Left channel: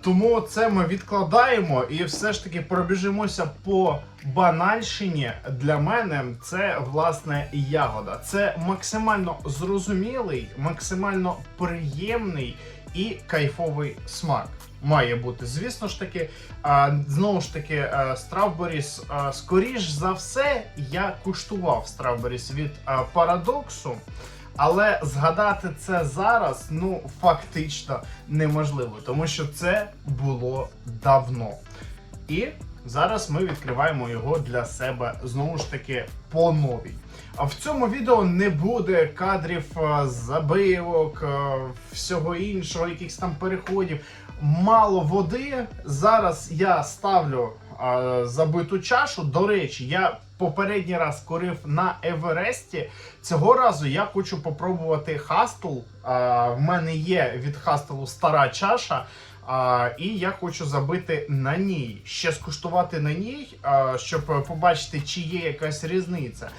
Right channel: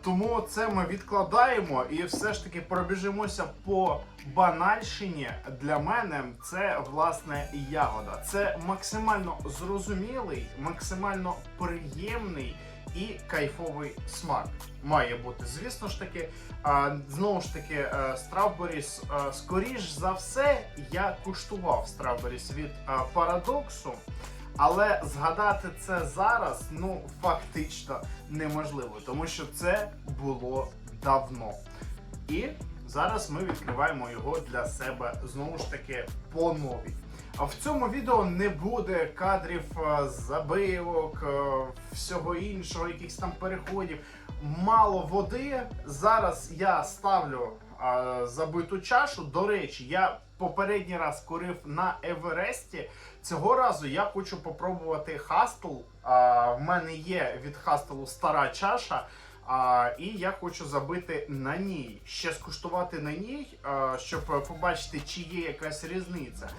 Тому це ми відкладаємо і все ж таки пробіжимося по банальщині. Для мене це власне ягода. Це максимально зрозумілий, максимально приємний і кайфовий смак. Має бути, звісно ж таки, знову ж таки, а, скоріш за все, я куштував Strawberries від парадоксу. Але згадати це зараз ну фактично неможливо, тому що це було давно. І зараз ми відкриваємо його для себе знову ж таки по новій. А в цьому відео не буде кадрів е, забивок, е, всього іншого, якихось там переходів. Мало води. Зараз я ставлю е, забиту чашу. До речі, я попередній раз курив на Евересті. Цього разу я хочу попробувати хастл. В мене є від хастелу стара чаша. А, і я хочу забити на ній, ще скуштувати на ній, а, щоб побачити, чи є якась різниця.